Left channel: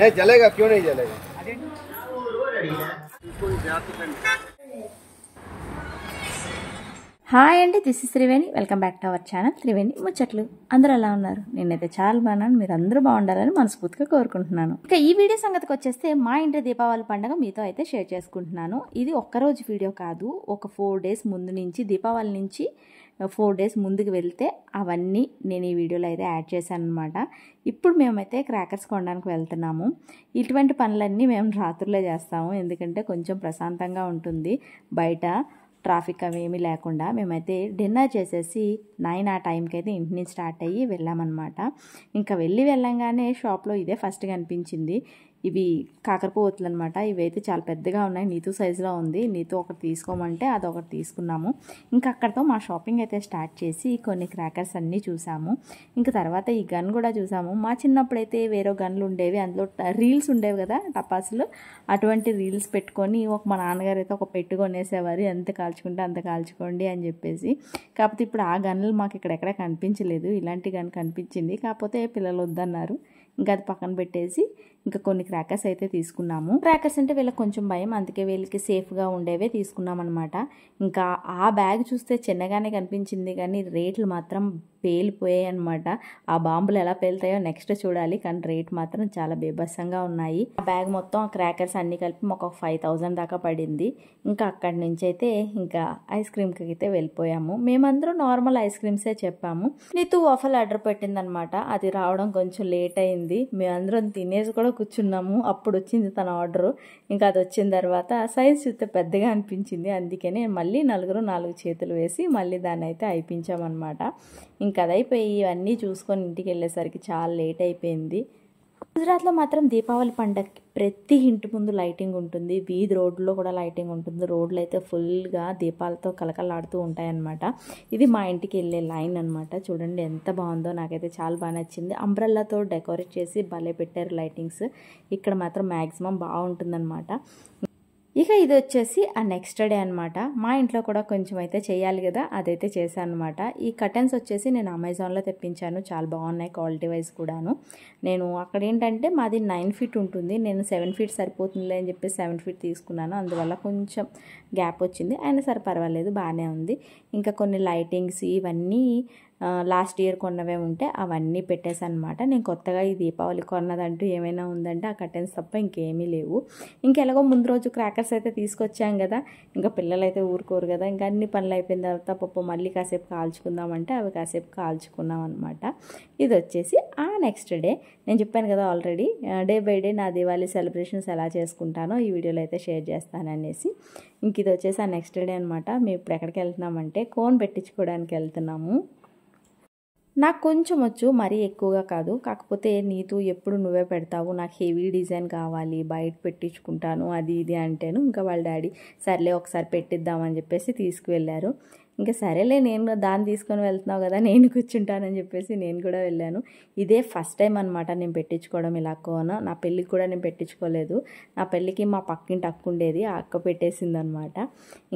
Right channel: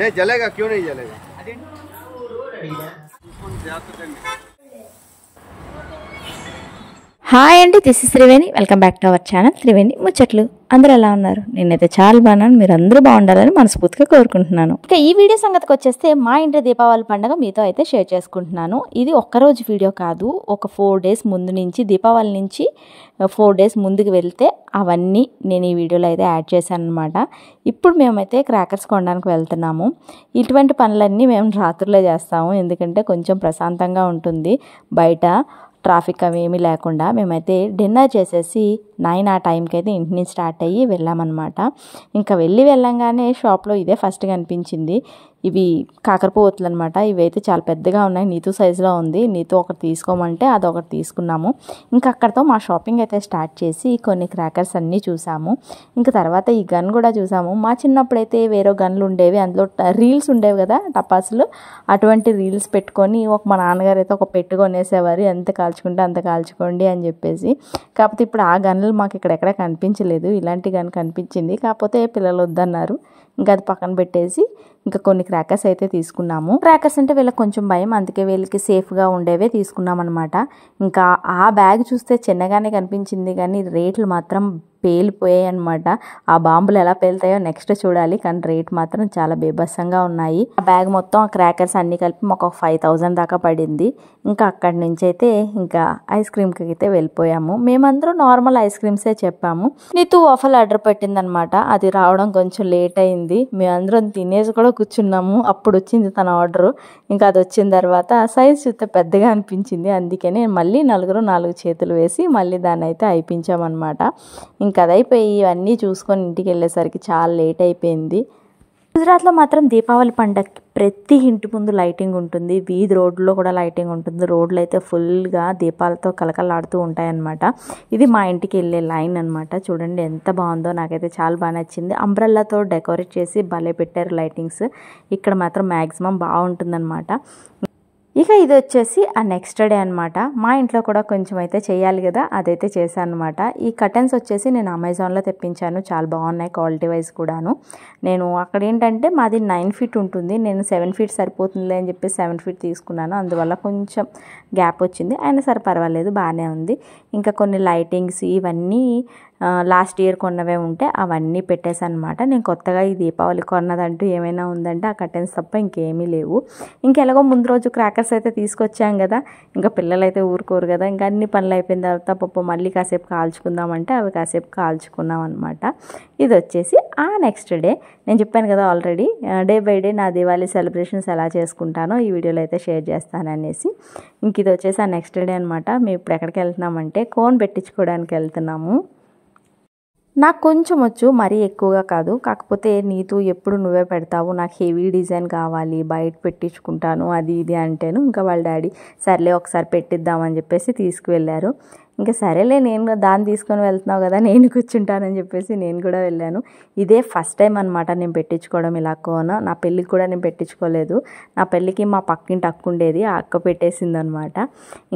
नहीं जलेगा, क्यों नहीं जलेगा। హాయ్ అండి, this is Triveni. Welcome back to our channel Triveni ముచ్చట్లు. అందరూ ఎలా ఉన్నారు? నేనైతే చాలా బాగున్నాను. మీరు అందరూ బాగుండాలని మనస్ఫూర్తిగా కోరుకుంటున్నాను. ఇక ఈ వీడియో సంగతికి వచ్చేస్తే మా ఇంటి దీపావళి పండుగ మీతో అయితే షేర్ చేసుకుంటున్నాను. ఇది ఒక్కరోజు వీడియో కాదు, ఒక 4 days ముందు నుంచి, దీపావళి నుంచి 4 days ముందుకు వెళ్తే అవన్నీ నేను ఈ వీడియోలో అయితే యాడ్ చేశాను అనమాట. ఇప్పుడు మేమైతే క్రాకర్స్ కొనడానికి వెళ్తున్నాము. ఇటువంటి పనులన్నీ మేము రాత్రులే చేస్తాము, ఎందుకంటే కొంచెం ప్రశాంతంగా ఉంటుంది. బయట ట్రాఫిక్ అవి ఏమీ లేకుండా మేమైతే డిన్నర్ చేసేసి 9 ఆ టైంకి అయితే ఇంటి నుంచి స్టార్ట్ అయ్యి వెళ్ళామన్నమాట. ఇంకా వెళ్ళంగానే షాప్లో ఇదే ఫస్ట్ కనిపించింది. ఇవి కాకరపువ్వొత్తులు అనమాట. ఇవైతే చాలా పెద్దగా ఉన్నాయి, నీతు సైజులో ఉంది. నీతు ఒకటి తీసుకోమంటే అదొకటి తీసుకున్నాము. ఇంకా అక్కడితో మా షాపింగ్ అయితే స్టార్ట్ చేసి కొన్ని క్రాకర్స్ అన్నీ చూసాము. ఇంకా తర్వాత ఈ గన్ కూడా చూసాము. మా చిన్నప్పుడైతే వేరే గన్లు ఉండేవి, అందులో రీల్స్ ఉండేవి కదా, టపాసులు. అటువంటి రీల్స్ పెట్టుకొని మా నాన్నగారు అయితే ఒక పెట్టు కొనేసేవారు, ఎంత కాల్చుకుంటే అంత కాల్చుకోండి అని చెప్పేసి. కాకపోతే ఇప్పుడు ఆ గన్లు మాకు ఇక్కడెక్కడ కనిపించలేదు. ఇలాంటి గన్ కనిపించింది, కాకపోతే పిల్లలు వద్దన్నారు. ఇంకా అది పక్కన పెట్టేసి ఇంకా కొన్ని క్రాకర్స్ అయితే తీసుకున్నాము. క్రాకర్స్ అంటే వీళ్ళకి కొంచెం భయం, అందుకే వీళ్ళకి సేఫ్గా ఉండేవే తీసుకున్నాం అనమాట. ఇంకా ఆ బ్యాగ్ చూస్తే చిన్నగానే కనిపించింది, కానీ రేట్లు మాత్రం పేలిపోయాయి అనమాట. ఆ బాంబులు ఎలా పేలుతాయో నెక్స్ట్ చూడాలి, కానీ రేట్ మాత్రం చాలా బీభత్సంగా ఉన్నాయి. ఆ బ్యాగ్ మొత్తం ఆ క్రాకర్స్ అన్ని కలిపి మాకు ఒక 5,000 దాకా పడింది. ఇంకా అక్కడి నుంచి అయితే ఇంకా ఐస్ క్రీమ్కి అయితే వెళ్ళిపోయాము. మేమందరం నార్మల్ ఐస్ క్రీమ్సే చెప్పాము. నీతు వాఫల్ ఆర్డర్ పెట్టిందనమాట, అది రావడం కొంచెం లేట్ అయింది. మేమందరం తినేసి కూడా కూర్చున్నాము, అప్పుడు వచ్చింది తన ఆర్డరు. ఇంకా అది వచ్చిన తర్వాత సైజ్ చూస్తే పెద్దగా అనిపించింది, అందుకని మళ్ళీ నలుగురు 4 చేతులు వేసి మళ్ళీ దాన్ని అయితే అయిపించామన్నమాట. ఇంకా అదైపోయి ఇవన్నీ చూసుకొని ఇంటికి వెళ్ళేసరికి చాలా లేట్ అయిపోయింది. గుజరాత్లో మాత్రం దీపావళి పండగకి ప్రతి ఇంటి ముందు లైటింగ్ ఉంటుంది, వీధి రోడ్లో కూడా లైటింగ్ ఉంటుంది. రోడ్లు అయితే ఫుల్గా దీపాలతో కలకలాడుతూ ఉంటాయన్నమాట. ఇది మా ఇంటికి వెళ్ళే లైన్ అనమాట. చూడండి ఎంత బాగుందో, నాకైతే చాలా బాగా నచ్చింది. అంబ్రెల్లాతో డెకరేట్ చేసి భలే పెట్టారు లైటింగ్స్. ఇక్కడ మాత్రం మ్యాక్సిమం బాగుంటుందన్నమాట. ఇక ఇది వచ్చేసి ఆ నెక్స్ట్ డే అనమాట. మా ఇంట్లో కూడా కొంచెం అయితే చేయాలి కదా, అదైతే చేశాను అనమాట. ఈ కర్టెన్స్ వచ్చేసి నేను అమెజాన్లో తెప్పించాను, చాలా బాగున్నాయి క్వాలిటీ వైజ్ కూడాను. నేను అక్కడ ఏంటంటే మాది 9 feet ఉంటుంది, నేను 7 feet సరిపోతుంది అని చెప్పి 7 feet తీసుకున్నాను. అందువల్ల కొంచెం గ్యాప్ వచ్చింది, అయినా సరే పర్వాలేదు, బాగానే ఉంది. ఇంకా కొన్ని లైటింగ్స్ ఇవన్నీ లాస్ట్ ఇయర్ కొన్నవే ఉంటే అవన్నీ పెట్టేశాను అనమాట. నేను కొత్తగా ఈ దీపావళి కొన్నదంటూ ఏమైనా ఉందంటే ఆ కర్టెన్స్ తప్ప ఇంకేమీ లేవు. ఇంకెలాగో ముందు రోజు క్రాకర్స్ అయితే తీసుకొచ్చాం కదా, ఇంకా పిల్లలు అయితే ఊరుకోరు కదా. ఇంకా అన్ని పనులు అయిపోయిన తర్వాత మళ్ళీ కాసేపు కాల్చుకుందామంటే అవి కాసేపు కాల్చుకున్నాం అనమాట. ఇది వచ్చేసి ఆ నెక్స్ట్ డే. నేను చెప్పాను కదా ఆల్రెడీ, డే బై డే నా దివాళీ సెలబ్రేషన్స్ ఎలా చేసుకుంటానో ఈ వీడియోలో అయితే షేర్ చేస్తాననేసి. ఇంక ఇది వచ్చేసి ఆ నెక్స్ట్ డే అనమాట. మేము ఇప్పుడు ఎక్కడికి వెళ్తున్నామంటే కోన్ పెట్టించుకోవడానికి వెళ్తున్నాము. నాకు కొంచెం వచ్చు, మరీ ఎక్కువగా కాదు. కాకపోతే నీతు ఎప్పుడు నువ్వే పెడతావు, నాకు హెవీ డిజైన్ కావాలి, బయట పెట్టించుకుంటాను అది ఇది అంటేను. ఇంకా వాళ్ళ డాడీ సర్లే ఒకసారి పెట్టిద్దామని చెప్పేసి తీసుకువెళ్ళారు. ఇంకా సరేలే, నేను దాన్ని తీసుకొని వెళ్తున్నావు కదా, నేను కూర్చుంటానని చెప్పేసి నేను కూడా వెళ్ళాను. ఇదే ఫస్ట్ టైం అనమాట నేను పెట్టించుకోవడం ఇలా కోన్. నా పెళ్ళికి కూడా నేను పెట్టించుకోలేదు. నా పెళ్ళికి మా పక్కింటి అక్క ఉండేది, ఆ అక్క పెట్టేసింది అనమాట.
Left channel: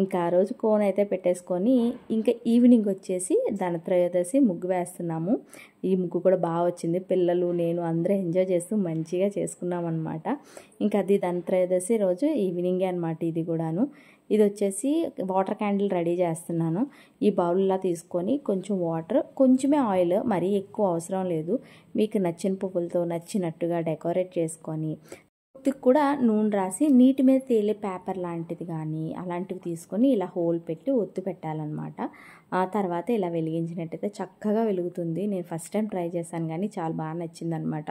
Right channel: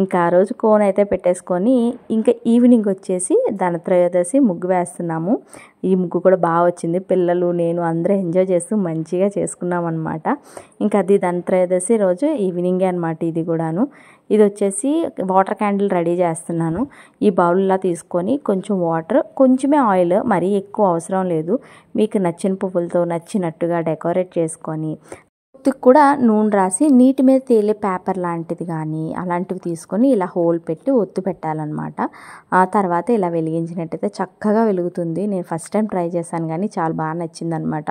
ఇంకా ఆ రోజు కోన్ అయితే పెట్టేసుకొని ఇంకా ఈవినింగ్ వచ్చేసి ధనత్రయోదశి ముగ్గు వేస్తున్నాము. ఈ ముగ్గు కూడా బాగా వచ్చింది, పిల్లలు నేను అందరూ ఎంజాయ్ చేస్తూ మంచిగా చేసుకున్నాం అనమాట. ఇంకా అది ధనత్రయోదశి రోజు ఈవినింగే అనమాట ఇది కూడాను. ఇది వచ్చేసి వాటర్ క్యాండిల్ రెడీ చేస్తున్నాను. ఈ బౌల్లా తీసుకొని కొంచెం వాటర్, కొంచెమే ఆయిల్, మరీ ఎక్కువ అవసరం లేదు. మీకు నచ్చిన పువ్వులతో నచ్చినట్టుగా డెకరేట్ చేసుకొని ఒత్తుకు కూడా నూనె రాసి నీటి మీద తేలే పేపర్ లాంటిది కానీ అలాంటివి తీసుకొని ఇలా హోల్ పెట్టి ఒత్తు పెట్టాలన్నమాట. ఆ తర్వాత ఇలా వెలిగించినట్టయితే చక్కగా వెలుగుతుంది. నేను ఫస్ట్ టైం ట్రై చేశాను, కానీ చాలా బాగా నచ్చింది అనమాట.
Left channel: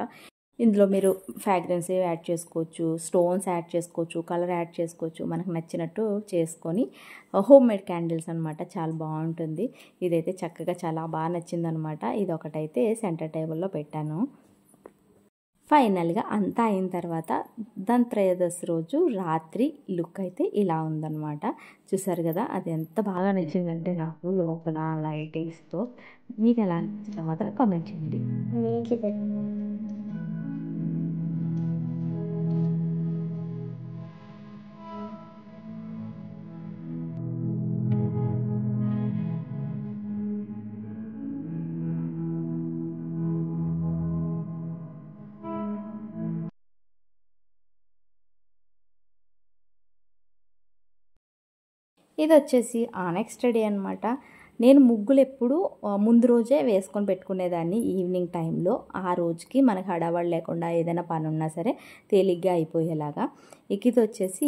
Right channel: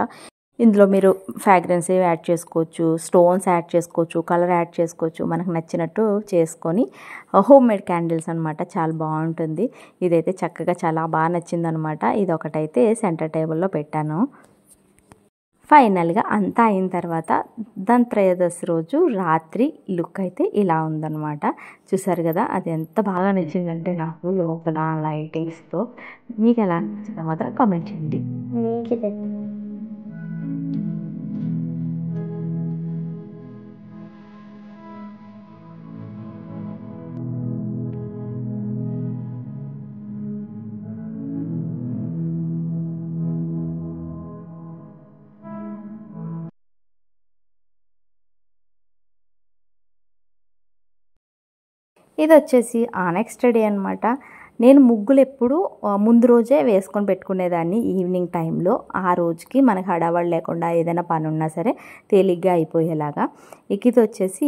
ఇందులో మీరు ఫ్రాగ్రెన్స్ యాడ్ చేసుకోవచ్చు, స్టోన్స్ యాడ్ చేసుకోవచ్చు, కలర్ యాడ్ చేసుకోవచ్చు, మనకు నచ్చినట్టు చేసుకొని హోమ్ మేడ్ క్యాండిల్స్ అనమాట. చాలా బాగుంటుంది. ఇదైతే చక్కగా చాలా బాగా నచ్చింది అనమాట. ఇది ఒకటైతే సెంటర్ టేబుల్లో పెట్టాను. ఫైనల్గా అంతా అయిన తర్వాత ధనత్రయోదశి రోజు రాత్రి లుక్ అయితే ఇలా ఉందన్నమాట. చూసారు కదా, అది ఎంత బాగా నచ్చిందంటే నాకు లోపల లైటింగ్స్తో. మీకు ఎలా నచ్చిందో మాత్రం కామెంట్ చేయండి. ఇది వచ్చేసి నెక్స్ట్ డే అనమాట. నేను ముగ్గులు ఎప్పుడు ముందు రోజే వేసుకొని పెట్టుకునేదాన్ని ఈవినింగ్ టైంలో. ఆ రోజుకి మనకు హడావడి లేకుండా ఏదైనా పని ఉన్నా సరే తేలిగ్గా అయిపోయేలాగా. ఇక ఇది వచ్చేసి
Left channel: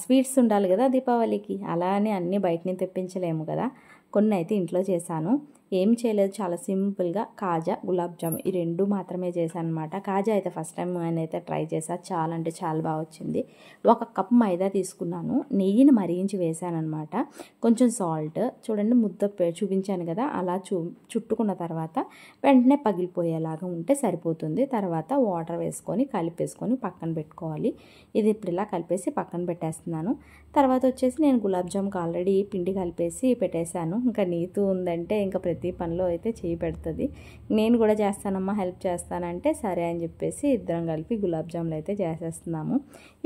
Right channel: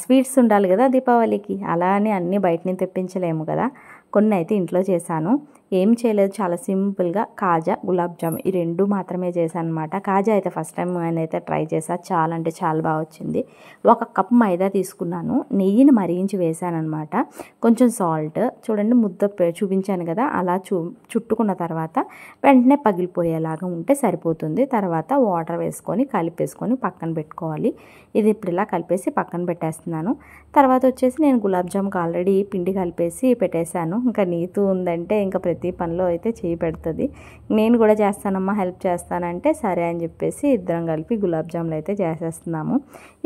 స్వీట్స్ ఉండాలి కదా దీపావళికి, అలా అని అన్నీ బయట నుంచి తెప్పించలేము కదా. కొన్ని అయితే ఇంట్లో చేశాను. ఏం చేయలేదు, చాలా సింపుల్గా కాజా, గులాబ్ జామ్ ఈ రెండు మాత్రమే చేశాను అనమాట. కాజా అయితే ఫస్ట్ టైం నేనైతే ట్రై చేశాను, చాలా అంటే చాలా బాగా వచ్చింది. 1 కప్ మైదా తీసుకున్నాను, నెయ్యిని మరించి వేసాను అనమాట. కొంచెం సాల్ట్, చూడండి ముద్ద చూపించాను కదా, అలా చుట్టుకున్న తర్వాత వెంటనే పగిలిపోయేలాగా ఉంటే సరిపోతుంది. తర్వాత వాటర్ వేసుకొని కలిపేసుకొని పక్కన పెట్టుకోవాలి. ఇది ఇప్పుడు ఇలా కలిపేసి పక్కన పెట్టేస్తున్నాను. తర్వాత వచ్చేసి నేను గులాబ్ జామ్కి ఆల్రెడీ పిండి కలిపేసి పెట్టేశాను. ఇంకా నీతు ఉందంటే ఇంకా ప్రతి పనిలో అయితే చేయి పెడుతుంది. నేను కూడా చేస్తానమ్మా, హెల్ప్ చేస్తానంటే సరే అని చెప్పేసి ఇద్దరం కలిపి గులాబ్ జాములు అయితే చేసేస్తున్నాము.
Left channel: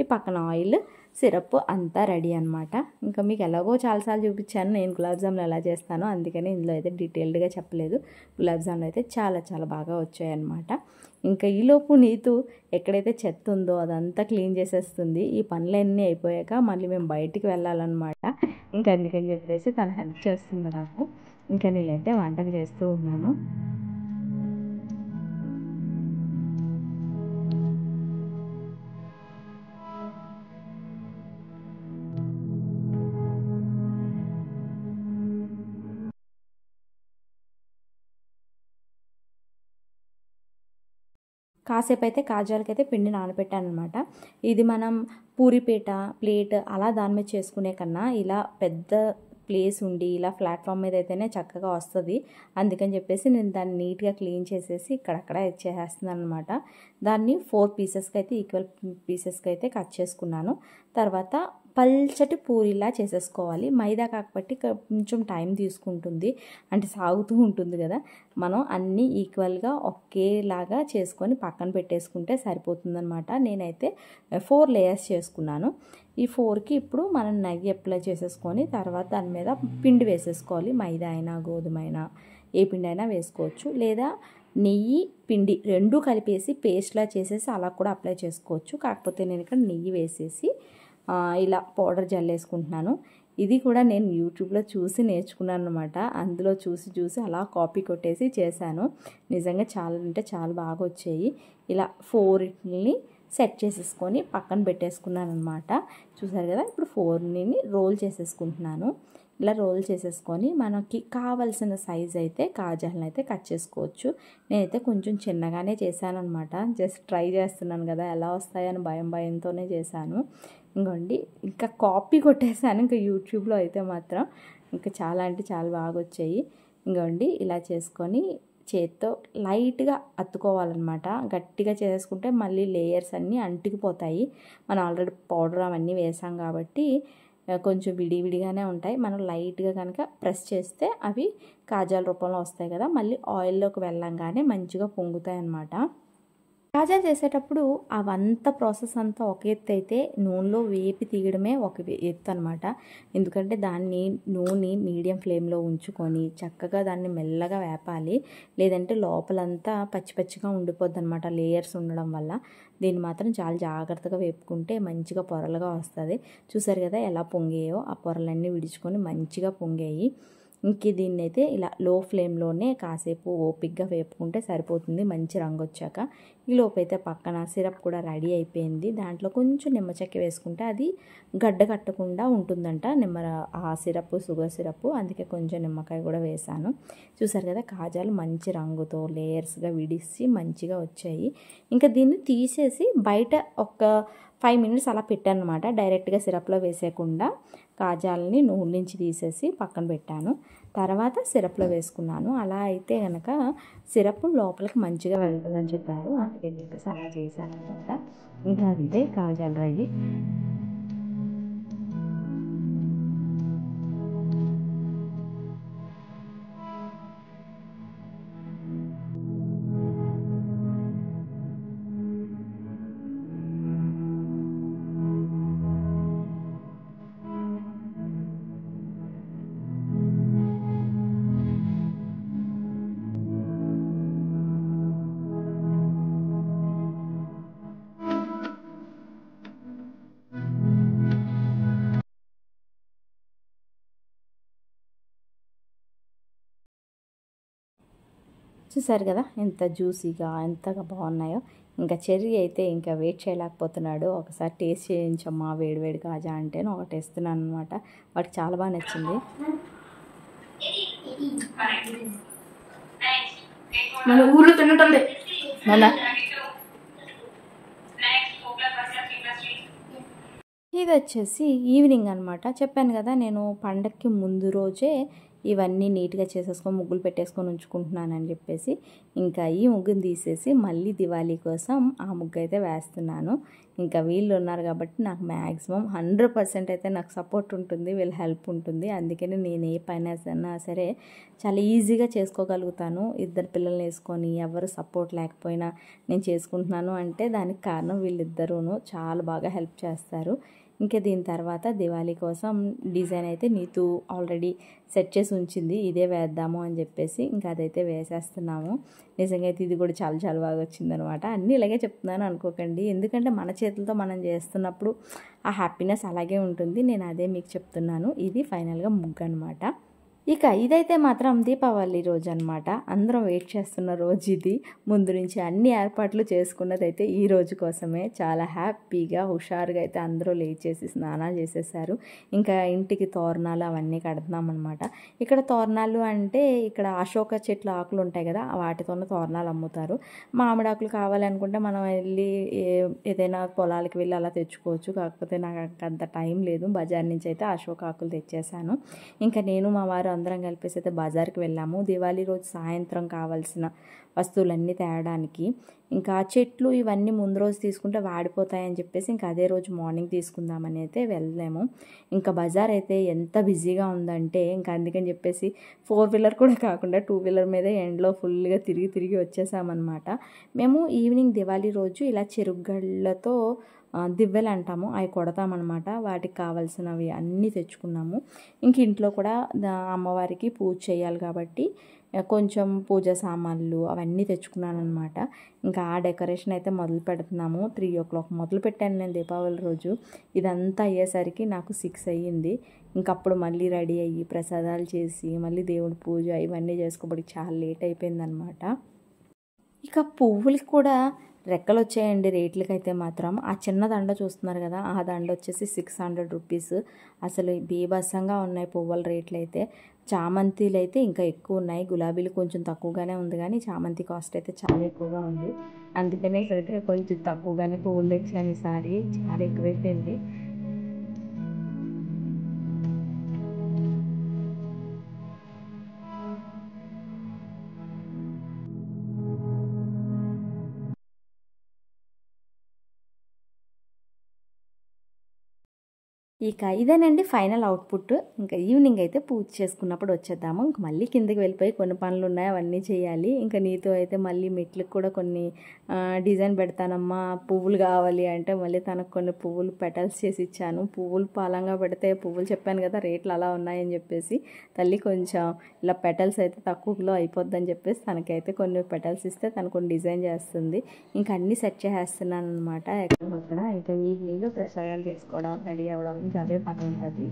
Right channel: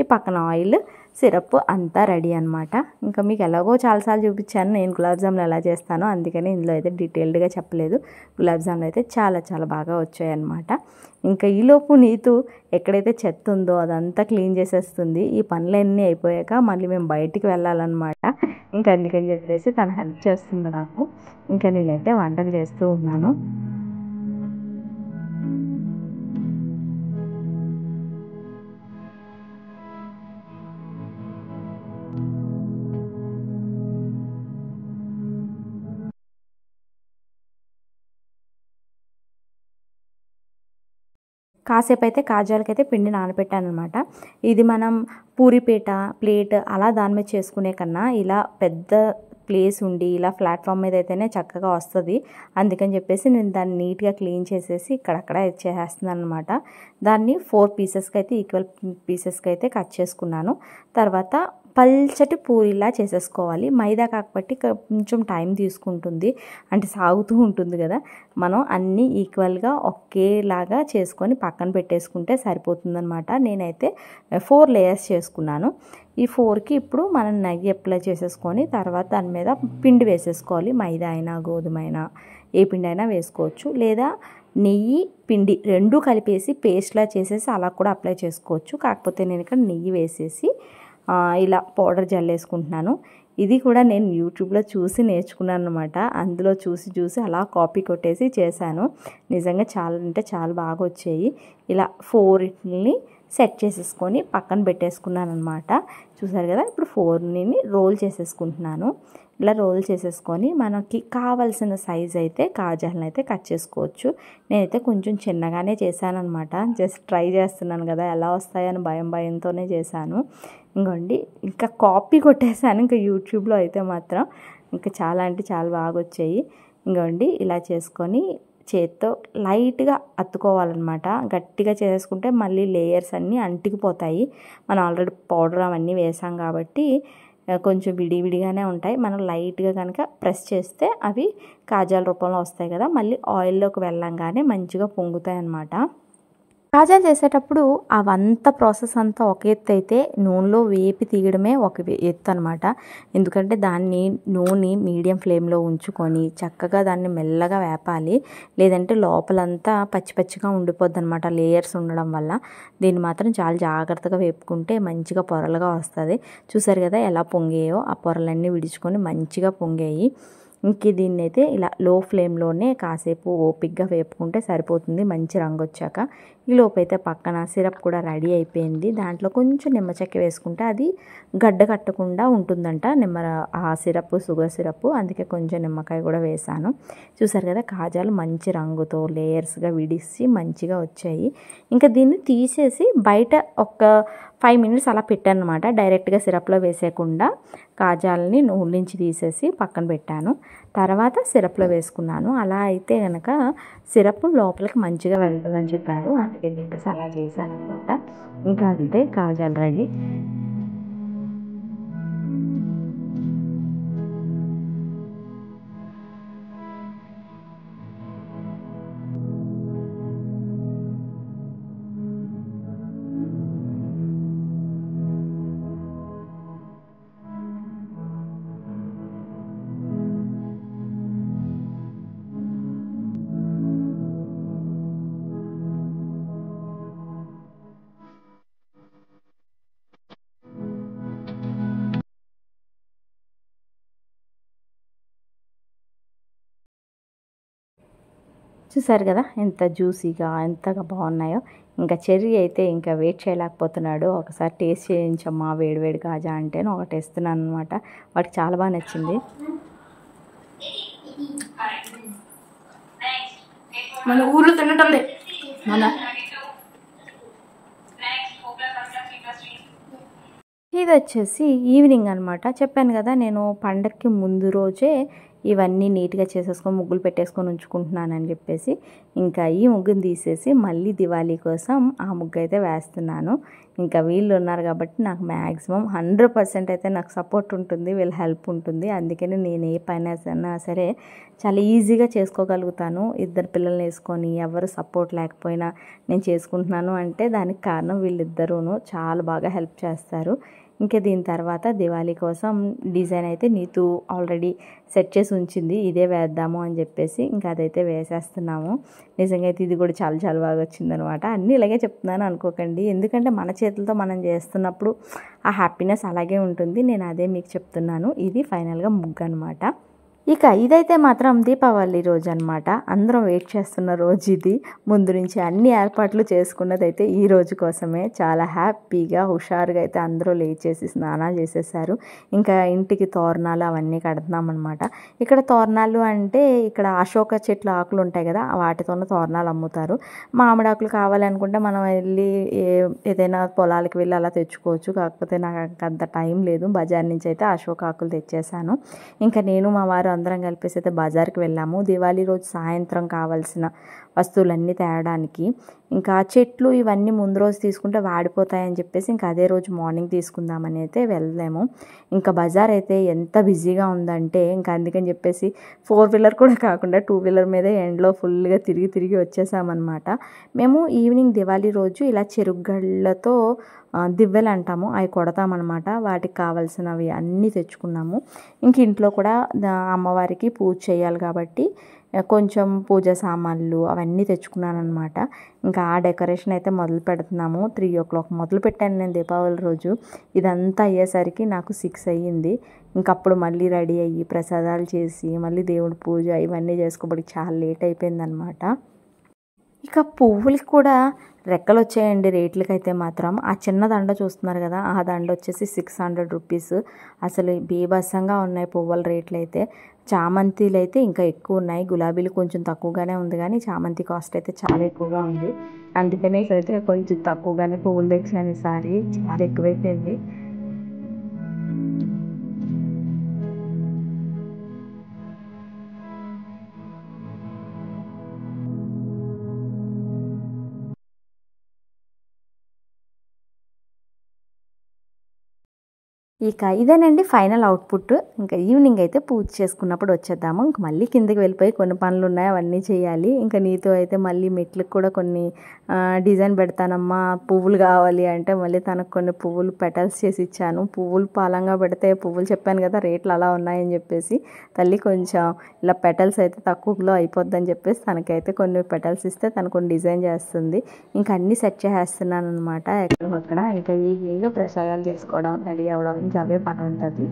ఈ పక్కన ఆయిల్, సిరప్ అంతా రెడీ అనమాట. ఇంకా మీకు ఎలాగో చాలాసార్లు చూపించాను నేను గులాబ్ జాములు ఎలా చేస్తానో, అందుకని ఇందులో అయితే డీటెయిల్డ్గా చెప్పలేదు. గులాబ్ జాములు అయితే చాలా చాలా బాగా వచ్చాయి అనమాట. ఇంకా ఈలోపు నీతు ఎక్కడైతే చెత్త ఉందో అదంతా క్లీన్ చేసేస్తుంది. ఈ పనులన్నీ అయిపోయాక మళ్ళీ మేము బయటికి వెళ్ళాలన్నమాట. ఇంకా అందుకని చెప్పేసి తను హెల్ప్ చేస్తుంది నాకు. ఇంకా నేనైతే వంటలు చేస్తూ ఉన్నాను. కాసేపు అయితే కాజాలకైతే పిండి నానబెట్టాను అనమాట. ఇది మనం పూరిపేట, ప్లేట్ అలా దాని మీద చేసుకునే కన్నా ఇలా పెద్ద ప్లేస్ ఉండి ఇలా ప్లాట్ఫామ్ మీద అయితేనే చక్కగా వస్తుంది. అందుకని చెప్పేసి నేను దాన్ని నీట్గా క్లీన్ చేసేసి ఇక్కడక్కడ చేసేస్తున్నాను అనమాట. దాన్ని 4 పీసెస్కి అయితే ఈక్వల్ పీసెస్కి అయితే కట్ చేసుకున్నాను. తర్వాత పల్చటి పూరిలా చేసేసుకోవాలి. మైదా కాబట్టి కొంచెం టైం తీసుకుంటుంది, అంటే సాగుతూ ఉంటుంది కదా. మనం అన్నీ ఈక్వల్గా ఒకేలాగా చేసుకొని పక్కన పెట్టేసుకుంటే సరిపోతుందన్నమాట. నేనైతే 4 లేయర్స్ చేసుకున్నాను. ఈ 4కి ఇప్పుడు మనం నెయ్యి అప్లై చేసేసుకొని తర్వాత దాని మీద పిండి వేసేసుకోవాలి. మైదా అయినా గోధుమ అయినా ఏ పిండి అయినా వేసుకోవచ్చు, లేదా నెయ్యి పిండి రెండూ కలిపేసి పేస్ట్లా చేసేసి అలా కూడా అప్లై చేసుకోవచ్చు. కాకపోతే నేను ఇక్కడ నెయ్యి వేసేసి ఇలా పౌడర్ జల్లేసుకుంటున్నాను. ఇది కూడా నేను యూట్యూబ్లో చూసి నేర్చుకున్నాను అనమాట. అందులో చూసి అలా కాపీ కొట్టేసి చేశాను. నిజంగా చాలా అంటే చాలా బాగా వచ్చాయి. ఇలా 4ని సెట్ చేసేసుకొని పక్కన పెట్టేసుకున్నాను అనమాట. చూసారు కదా, ఇప్పుడు 4ని రోల్ చేసేసుకుంటున్నాను. ఇలా రోల్ చేసేసుకొని మనకి కావాల్సిన సైజ్ అయితే కాజాలను అయితే కట్ చేసుకోవచ్చు. నేనైతే కొంచెం చిన్నగానే చేశాను అనమాట. జస్ట్ ట్రై చేస్తున్నాను కదా ఎలా వస్తాయని భయంతోనే చేశాను. ఇంకోండి ఇంకా కాపీ కొట్టేశాను. ఇంకా యూట్యూబ్లో అయితే మాత్రం ఇంకా చాలా అంటే చాలా బాగా వచ్చాయి. ఇంకోండి ఇలా చేసుకొని చేత్తో లైట్గా అత్తుకోవాలన్నమాట. గట్టిగా చేసుకుంటే మళ్ళీ లేయర్స్ అన్నీ అంటికిపోతాయి. మనం ఆల్రెడీ పౌడర్ అవన్నీ వేసాం కాబట్టి కొంచెం విడివిడిగానే ఉంటాయి. మనం లైట్గా కనుక ప్రెస్ చేస్తే అవి కాజాల రూపంలో వస్తాయి కదా, మళ్ళీ ఆయిల్లోకి వెళ్ళంగానే మంచిగా పొంగుతాయి అన్నమాట. కాజాలు చేసేటప్పుడు అవంతా ప్రాసెస్ అంతా ఒక ఎత్తు అయితే నూనెలో వేపి తీయడమే ఒక ఎత్తు అనమాట. ఎందుకంటే దాన్ని నూనె మీడియం ఫ్లేమ్లో ఉంచుకొని చక్కగా దాన్ని మెల్లగా వేపాలి. లేదంటే లోపలంతా పచ్చిగా ఉండిపోద్ది అనమాట లేయర్స్ ఉండడం వల్ల. దీన్ని మాత్రం చాలా జాగ్రత్తగా వేపుకుంటే మంచిగా పొరలుగా వస్తుంది. చూసారు కదా ఎలా పొంగాయో, ఆ పొరలన్నీ విడుచుకొని మంచిగా పొంగాయి. ఇంక దీన్ని అయితే ఇలా లో ఫ్లేమ్లోనే కాసేపు ఓపిక్గా వేపుకుంటే సరిపోతుంది మంచి రంగు వచ్చాక. ఈ లోపైతే పక్కన సిరప్ కూడా రెడీ అయిపోయింది. దాంట్లో కొంచెం నిమ్మ చెక్క వేసుకుంటే అది గడ్డ కట్టకుండా ఉంటుందంట ఆ సిరప్, షుగర్ సిరప్. అందుకే కొంచెం నిమ్మకాయ కూడా వేసాను. చూసారు కదా కాజాలు మంచి రంగుతో లేయర్స్గా విడిసి మంచిగా వచ్చాయి. ఇంకా దీన్ని తీసేసి బయట ఒక 5 మినిట్స్ అలా పెట్టాను అనమాట. డైరెక్ట్గా సిరప్లో వేసేయకుండా కాజాలని నూనె నుంచి తీసేసి పక్కన పెట్టాను. తర్వాత సిరప్లో వేసుకున్నాను. అలా అయితే కనుక సిరప్ లోపలికి మంచిగా వెళ్తుందని చెప్పారు. అందుకే చెప్పేసి అలా చేశాను అనమాట. ఇంకా అంతే, కాజాలు రెడీ. చూసారు కదా ఎంత జ్యూసీగా ఎంతగా బాగున్నాయో. ఇంకా చెర్రీ అయితే ఇంకా వెయిట్ చేయలేకపోతున్నాడు. ఒకసారి టేస్ట్ చేయించమ్మా వేడివేడి కాజా అంటే ఒకటి వేస్తున్నాను అనమాట. వాడికి చాలా బాగా నచ్చింది. మన ఊర్లో తినటం ఇది వచ్చేసి ఈవినింగ్ అనమాట. చెప్పాను కదా నేను పండగకి ముందు రోజే ఇవన్నీ నీట్గా చేసేసుకొని ముగ్గులు పెట్టేసుకొని ఉంచుకుంటున్నానని చెప్పేసి ఇంకా ఈ ముగ్గుని తీసేసి మళ్ళీ దివాళీ కోసం ఆ ముగ్గు అయితే వేస్తున్నాను. ఇంకా వీళ్ళు ఉన్నారు కాబట్టి నాకు మ్యాక్సిమం 100% అయితే నాకు సపోర్ట్ ఉంటుంది, వీళ్ళ హెల్ప్ ఉంటుంది. అందుకని నేను ఏ పైన సరే చాలా ఈజీగా చేసుకోగలుగుతాను. ఇద్దరు పిల్లల్ని వేసుకొని ఎవరు సపోర్ట్ లేకపోయినా నేను చేసుకుంటున్నాను అంటే దానికి కారణం వీళ్ళిద్దరూను చాలా బాగా హెల్ప్ చేస్తారు. ఇంకా దీని తర్వాత దివాళీ కోసం డిజైన్ అయితే నీతు ఆల్రెడీ సెట్ చేసి ఉంచింది, ఇదే వేద్దాము అని చెప్పేసి ఇంకా అదైతే వేసేస్తున్నాము. నిజంగా అయితే ఇది కూడా చాలా చాలా బాగా వచ్చిందనమాట. అన్నీ ఇలాగే చెప్తున్నాను అనుకోకండి, ఎందుకంటే మన చేతులతో మనం చేస్తున్నప్పుడు ఆ హ్యాపీనెస్ అలాగే ఉంటుంది. నేను అదే మీకు చెప్తున్నాను. ఇది ఫైనల్గా ముగ్గు అనమాట. ఇక ఇదైతే మాత్రం దీపావళి రోజు అనమాట. అందరం వెయిట్ చేస్తున్న రోజు ఇది. ముందు నుంచి అన్ని ఏర్పాట్లు చేసుకున్నదైతే ఈ రోజు కోసమే. చాలా హ్యాపీగా హుషారుగా అయితే అందరూ లేచేసి స్నానాలు చేసేసారు. ఇంకా ఇంటికి తోరణాలు అవన్నీ కడుతున్నాం అనమాట. ఇక్కడ తోరణాలు అంటే ఇక్కడ అశోక చెట్ల ఆకులు ఉంటాయి కదా, వాటితోనే తోరణాలు అమ్ముతారు. మామిడి ఆకులు కావాలి అనుకుంటే మనం వెళ్ళి ఏదైనా పొలాలకు వెళ్ళి అలా తెచ్చుకోవచ్చు. కాకపోతే నాకు అంత టైం లేదు. బజార్ నుంచి అయితే అశోక ఆకులు తెచ్చేసాను. ఇంకా నేను మా వారు అందరం కలిపేసి అయితే బజార్కి వెళ్ళాము. దివాళీ రోజు సాయంత్రం కావాల్సిన వస్తువులన్నీ తేవడానికి. ఇంకా చెట్లు ఇవన్నీ ముందు రోజు తీసుకుంటే వాడిపోతాయని చెప్పేసి ఇంకా అదే రోజు మార్నింగ్ తీసుకుందామని అయితే వెళ్ళాము. ఇంకా బజార్ అయితే ఎంత బిజీగా ఉందంటే ఇంకా అందుకని చెప్పేసి 4 వీలర్ కూడా కాకుండా 2 వీలర్ మీదే ఎండ్లో ఫుల్గా తిరిగి వచ్చేసామన్నమాట. మేము ఈవినింగ్ దివాళీ రోజు ఇలా చెరుగళ్ళతో దివ్వెలు అంటాము, అవి కొడతామన్నమాట. వాటికి కావాల్సినవి అన్నీ తెచ్చుకున్నాము. ఇంక ఇంట్లో కూడా అమ్మవారికి పూజ చేయాలి కాబట్టి కొంచెం పూజ సామాన్లు అవన్నీ తెచ్చుకున్నాను అనమాట. ఇంకా ఆ డెకరేషన్ అయితే మొదలు పెడుతున్నాము. 3 o'clock మొదలు పెట్టాను నేను దీపావళి రోజు. ఇదంతా అయ్యేసరికి నాకు 6 అయ్యింది. ఇంకప్పుడు మళ్ళీ రెడీ అయ్యి ప్రసాదాలు చేసి మళ్ళీ దేవుడి పూజ ఇవన్నీ చేసుకోబడి చాలా లేట్ అయిపోయిందనమాట. ఇక పువ్వులకి కూడా రెక్కలు వచ్చాయండి రేట్లకైతే మాత్రం. ఆ చిన్న దండ చూస్తున్నారు కదా, ఆ దండ వచ్చేసి 600 రూపీస్. అసలు బీభత్సంగా ఉన్నాయి పువ్వుల రేట్లు అయితే. చామంతిలు అయితే ఇంకా ఎక్కువ ఉన్నాయి. గులాబీలు కొంచెం తక్కువగానే ఉంది కానీ చామంతి కాస్ట్ అయితే చాలా ఎక్కువగా ఉంది. అందుకనే అయితే కొంచెం తక్కువగానే పువ్వులు తెచ్చాను ఈసారి. చాలా ఎక్కువైపోయింది. ఇక ఇదేనండి ఫైనల్ అవుట్పుట్. ఇంకా ఈవినింగ్ అయితే పూజ చేసుకున్నప్పుడు వచ్చేద్దాము. ఇంక మళ్ళీ కిందకి వెళ్ళిపోయి కొన్ని పనులు ఉన్నాయి, అవన్నీ చేయాలి. ఇంకా నీతో అయితే మళ్ళీ మెట్లకు కూడా కొన్ని డిజైన్ పెడతానమ్మా, పువ్వులు కావాలి అంటే మళ్ళీ తనకు కొన్ని పువ్వులు పెటల్స్ చేసి ఇచ్చాను. పువ్వులు పాలంగా పెడితే పువ్వులు చెప్పాను కదా రేట్లు అలా ఉన్నాయని చెప్పేసి, తల్లి కొంచెం ఇలా పెటల్స్ అయితే తక్కువలో అయిపోద్దని చెప్పేసి తనకైతే కొన్ని పెటల్స్ ఇస్తే తను కొన్ని డిజైన్ చేస్తుంది. ఇంకా అన్నీ సెట్ చేసేస్తున్నాను అనమాట. ఎక్కడొక్కడ ఇంకా ఈజీగా ప్రసాదాలు చేసుకోవడం, రెడీ అవ్వడం ఇంకా అవే పని ఉంటుంది.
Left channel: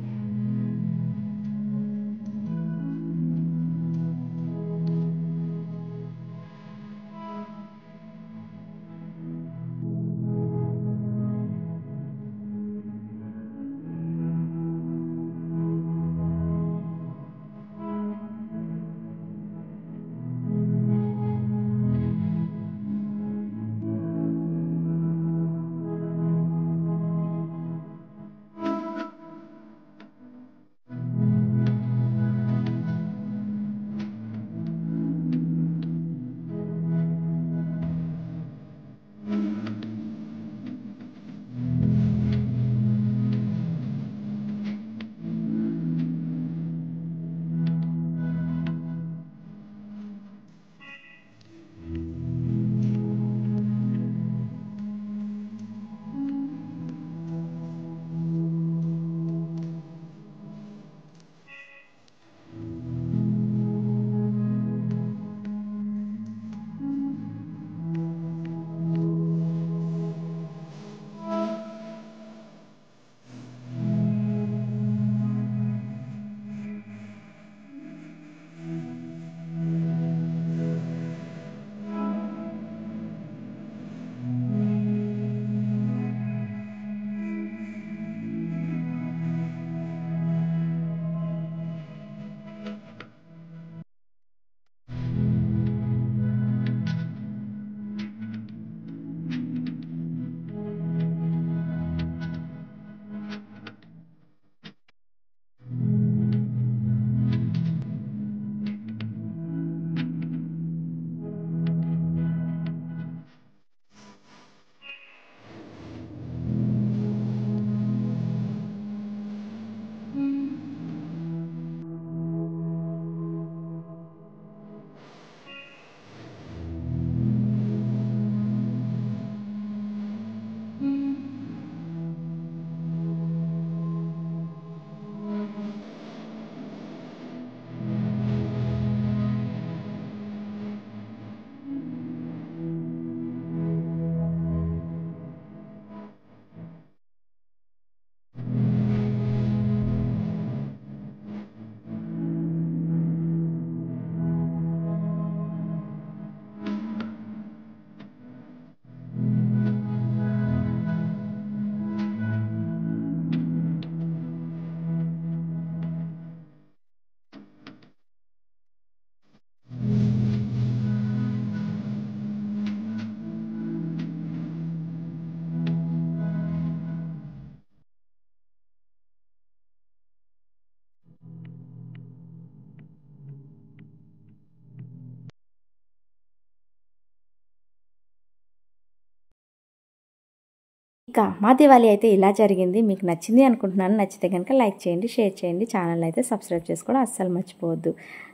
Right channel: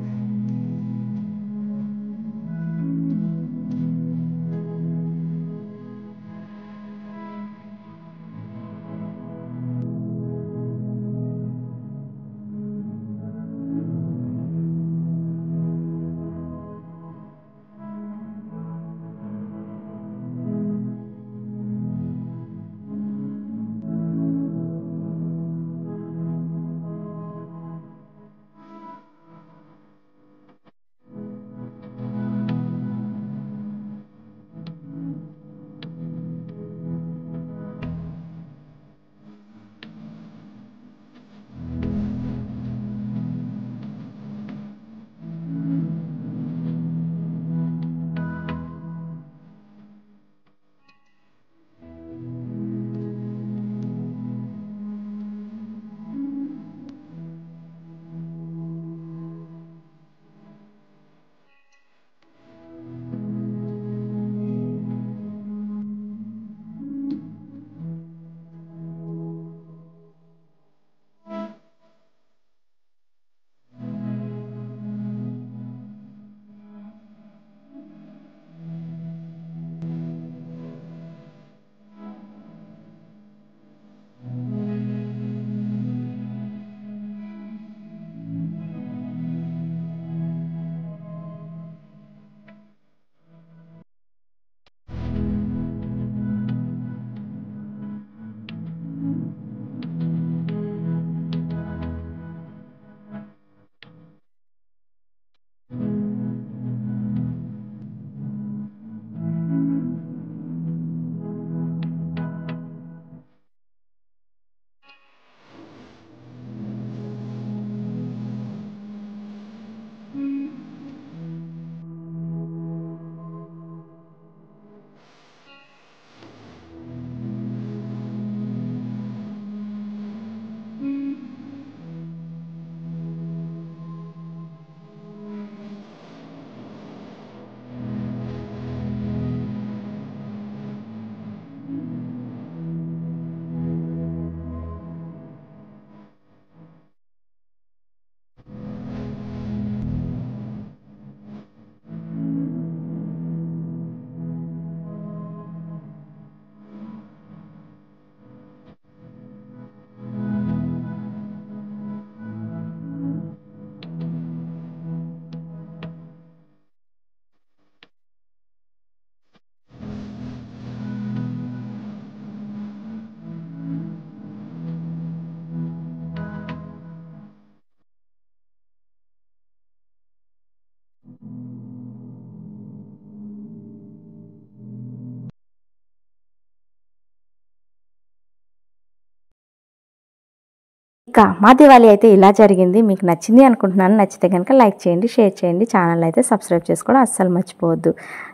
ఇక మా దివాళీ అయితే ఇలా జరిగింది. మీకు నచ్చింది అనుకుంటున్నాను. నచ్చితే కనుక లైక్ చేయండి, షేర్ చేయండి, ఛానల్ అయితే సబ్స్క్రైబ్ చేసుకోవడం అస్సలు మర్చిపోవద్దు.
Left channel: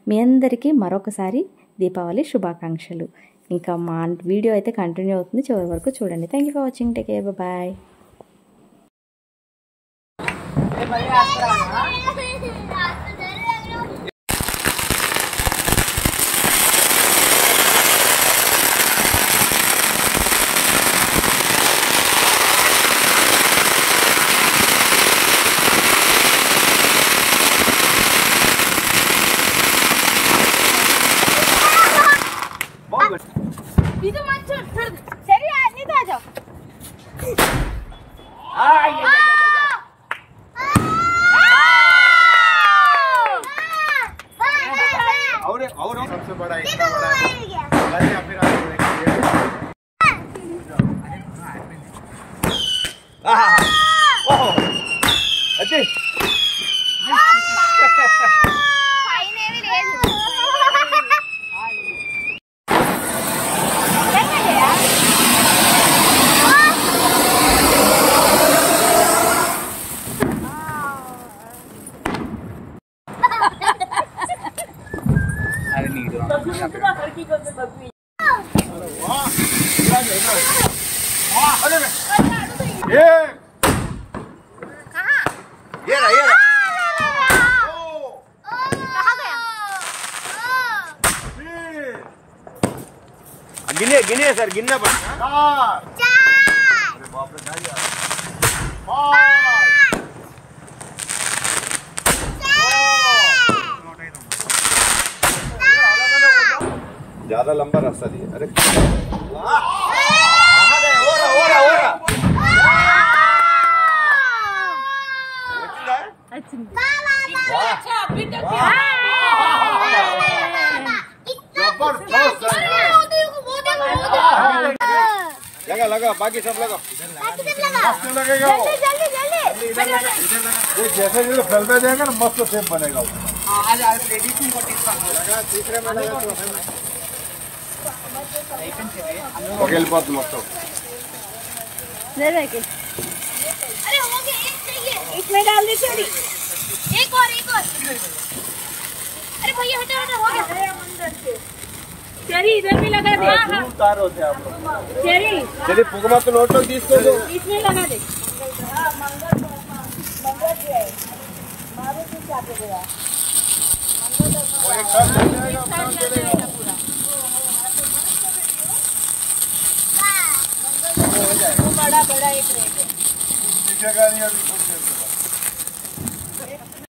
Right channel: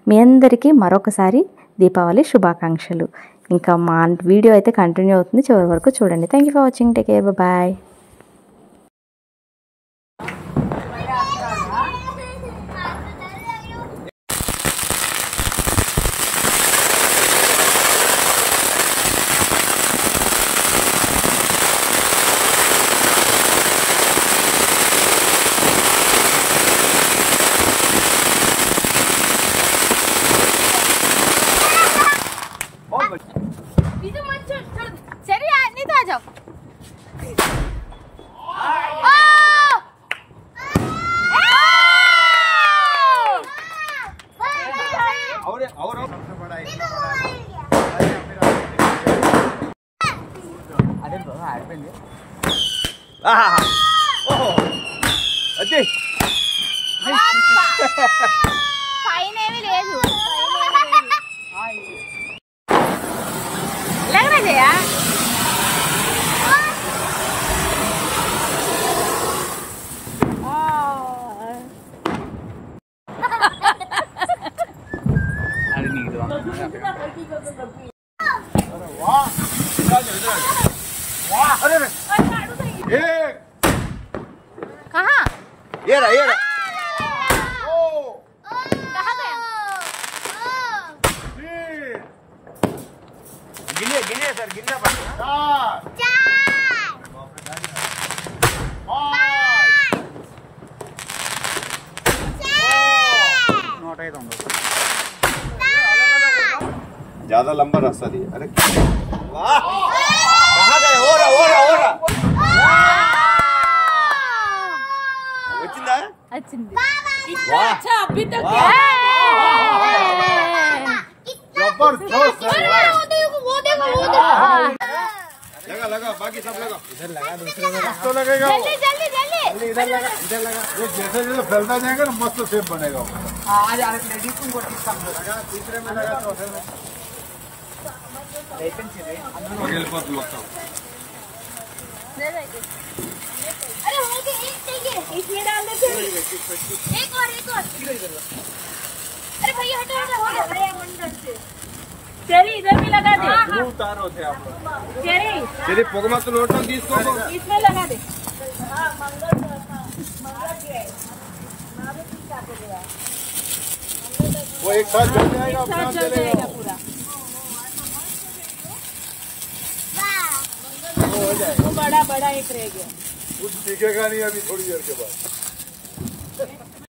మీ అందరికీ మరొకసారి దీపావళి శుభాకాంక్షలు. ఇంకా మా వీడియో అయితే కంటిన్యూ అవుతుంది, చివరి వరకు చూడండి. Thank you for watching. Take care, bye. और सबसे बड़ा इतना बड़ा ओहो अच्छी अरे नहीं अरे ये कहाँ ये रहा कहाँ गया? गिने सर गिनना पड़ेगा। बाप रे गाड़ी आ ज्यादा लंबा रास्ता दिया। अरे कहाँ गए? अच्छा अभी तक जबरदस्त लगा लगा बाकी सब लगा मस्त लगेगा। जल्दी जल्दी जल्दी इधर लगा ये जैसे जैसे फैलता जाएगा ना मस्त शेप बनेगा वो। आज लेडीज को लगा तीसरे में लगा तो వెళ్ళిపోతుంది మొత్తం। अरे हो गया एक चाहिए इसमें डाल दे थोड़ी एक और अरे भैया हटो हटो हो गया चेरी इधर भी लगा दे उतार होते आप चेरी चलिए పొగ మొత్తం నోట్లోకి తీసుకో इसमें लगा दे वो एक साथ चल जाएगा अपना चलेगा। बड़ा बड़ा एक रह गया कुछ दिखेगा नहीं अभी थोड़ी देर के बाद।